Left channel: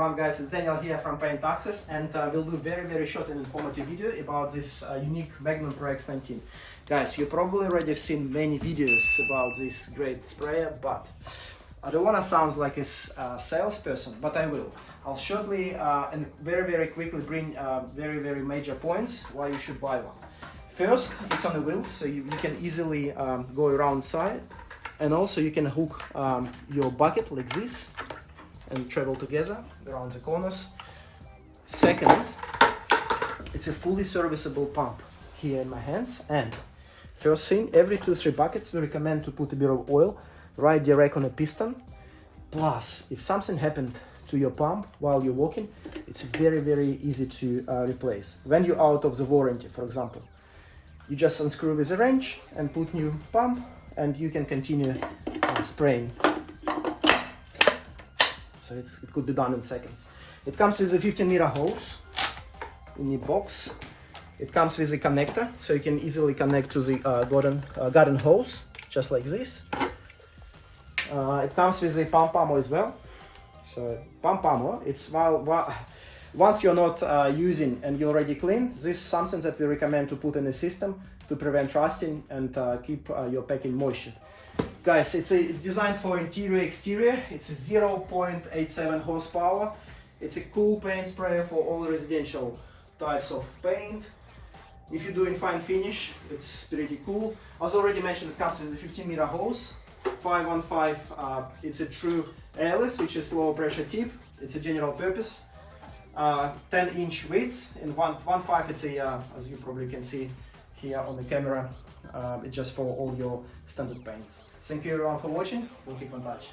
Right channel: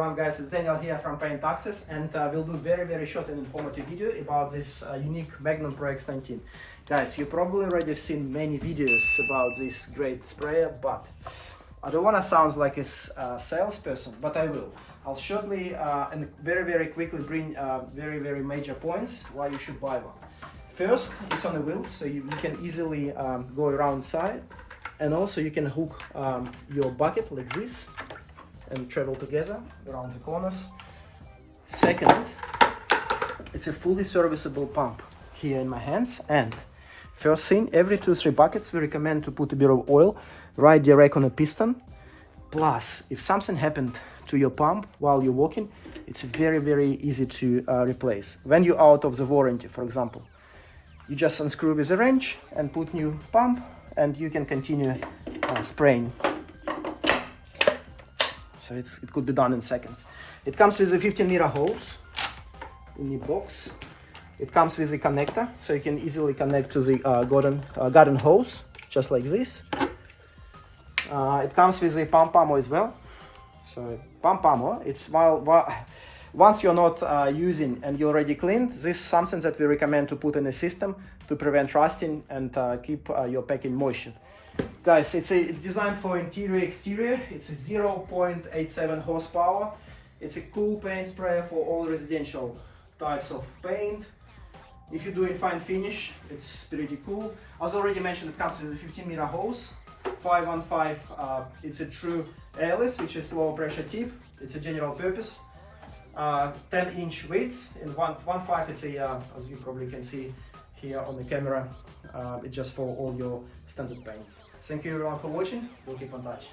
everyone, guys, it's Daniel here from PaintAccess, and we'll do very short and informative video about this unique Magnum ProX 19. Guys, you probably already have seen many videos about this great sprayer, but I don't want to sound like a salesperson, but I will. I'll shortly and very quickly bring very major points why you should buy one. First, it's on the wheels, so you can easily go around side, and also you can hook your bucket like this and travel together around the corners. Second, it's a fully serviceable pump here in my hands. And first thing, every 2-3 buckets we recommend to put a bit of oil right direct on a piston. Plus, if something happened to your pump while you're walking, it's very easy to replace. When you're out of the warranty, for example, you just unscrew with a wrench and put new pump, and you can continue spraying. So it could be done in seconds. It comes with a 15-meter hose in the box. It comes with a connector, so you can easily connect to the garden hose, just like this. It comes with a pump armor as well. So pump armor, it's once you're not using and you already cleaned, this is something that we recommend to put in the system to prevent rusting and keep your packing moisture. Guys, it's designed for interior-exterior. It's a 0.87 horsepower. It's a cool paint sprayer for all residential types of paint. If you're doing fine finish, it's pretty cool. As already mentioned, it comes with a 15-meter hose, 515. It's a true Airless, which is low pressure tip. It's a general purpose. 10-inch weights, and 1.5 it's a, as you probably can see here on the camera, it's just for all your standard paints. Thank you everyone for watching. We'll keep in touch.